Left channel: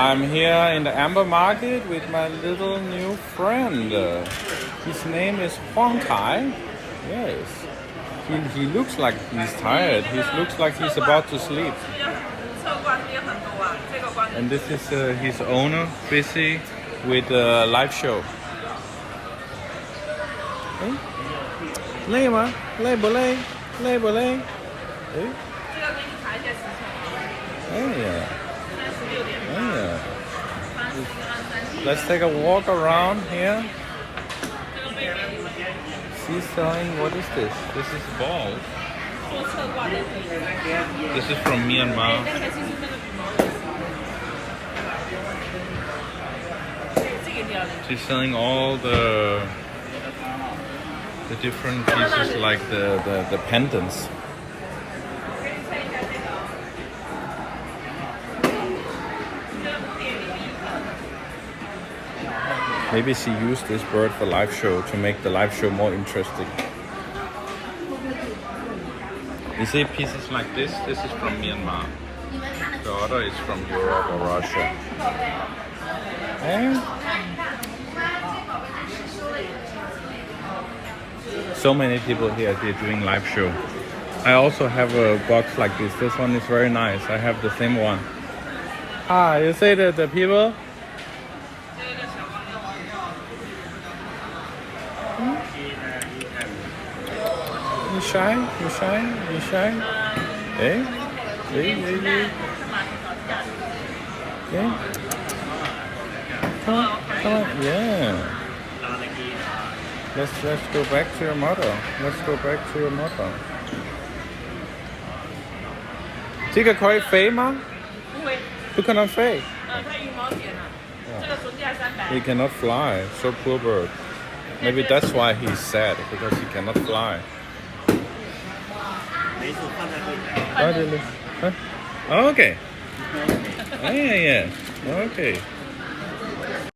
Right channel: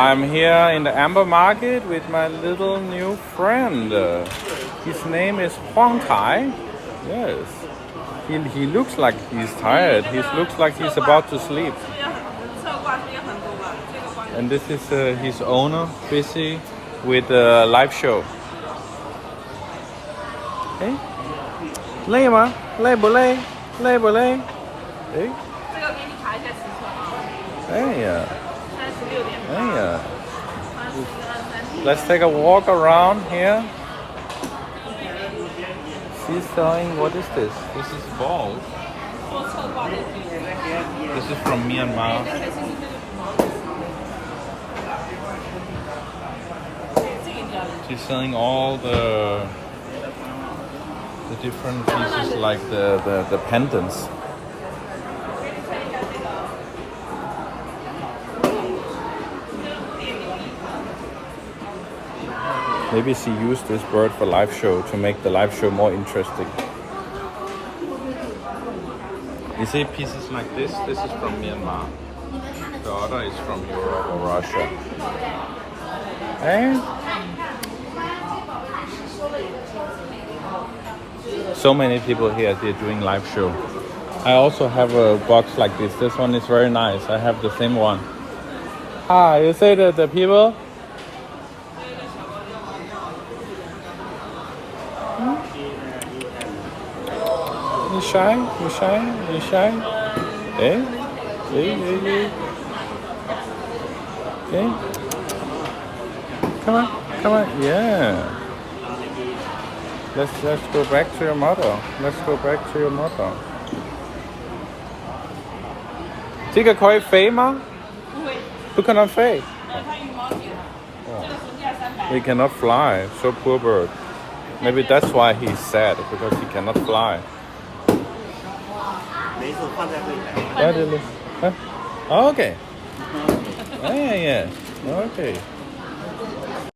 I'm here in the Amber Market with my little new friend. His name is Huang Kai. Yes. He looks like he's tired. He looks like he's about to sleep. And this is his owner, busy with a live show. Hey? 累吗？累不累？累不累？哎。这个给你卡一些时辰啊。哎呀。36.8。哎呀。Let's take a walk around here. She's selling, what is this? This is balls. 做侧挂的可以。This is from Myanmar. She's selling all the different pieces, like the pendants. Maybe she used this bird for live show to make the live show more interesting. You see pieces like this? This is from Myanmar. The other is from Europe or Russia. And so many people here, they're doing live show. I also have a box like this. This one is very nice. I have the same one. Ah, you say that the people? You shy? You shy? You shy? Hey? Hey, hey, hey. Hey? Come on, come on. Yeah. Let's go back to your mother. Let's go back to your mother. 这个可以飞吗？不会。不可能飞。它羽毛点了。这个总价300。He cannot fly. So poor bird. Maybe that's why he's sad, because he cannot fly. 没错，放在柜台。Huh? Okay. Yeah, yeah. Okay.